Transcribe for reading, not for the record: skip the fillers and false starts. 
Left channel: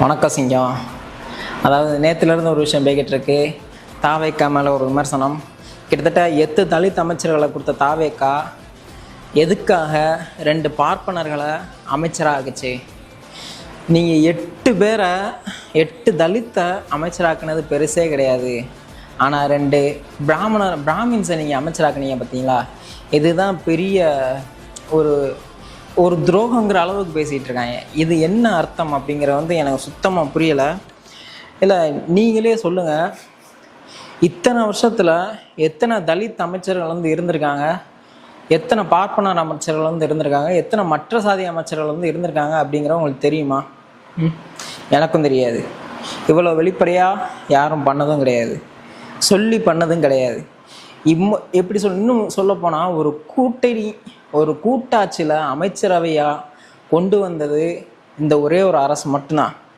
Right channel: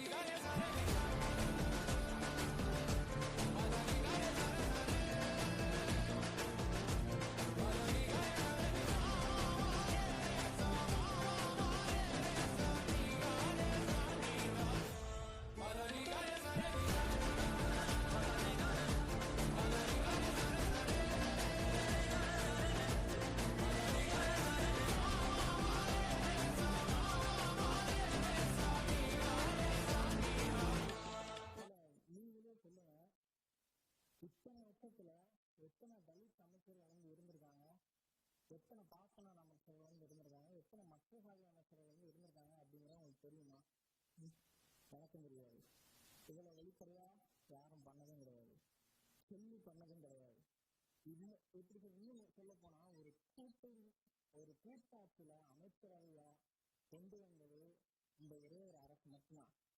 வணக்கம் சிங்கம். அதாவது நேற்றுலேருந்து ஒரு விஷயம் பேக்கிட்டு இருக்கு. தாவேக்கா மேலே ஒரு விமர்சனம். கிட்டத்தட்ட 8 தலித் அமைச்சர்களை கொடுத்த தாவேக்கா எதுக்காக 2 பார்ப்பனர்களை அமைச்சராக ஆக்குச்சு? நீங்கள் 8 பேரை 8 தலித்தை அமைச்சராக்குனது பெருசே கிடையாது. ஆனால் 2 பிராமின்ஸை நீங்கள் அமைச்சராக்குனீங்க பார்த்தீங்களா? இதுதான் பெரிய ஒரு ஒரு துரோகங்கிற அளவுக்கு பேசிகிட்டு இருக்காங்க. இது என்ன அர்த்தம் அப்படிங்கிற எனக்கு சுத்தமாக புரியலை. இல்லை, நீங்களே சொல்லுங்கள், இத்தனை வருஷத்தில் எத்தனை தலித் அமைச்சர்கள் இருந்திருக்காங்க, எத்தனை பார்ப்பனர் அமைச்சர்கள் இருந்திருக்காங்க, எத்தனை மற்ற சாதி அமைச்சர்கள் இருந்திருக்காங்க அப்படிங்கிற உங்களுக்கு தெரியுமா? எனக்கும் தெரியாது. இவ்வளோ வெளிப்படையாக யாரும் பண்ணதும் கிடையாது, சொல்லி பண்ணதும் கிடையாது. எப்படி இன்னும் சொல்லப்போனால் ஒரு கூட்டாட்சியில் அமைச்சரவையாக கொண்டு வந்தது இந்த ஒரே ஒரு அரசு மட்டும்தான்.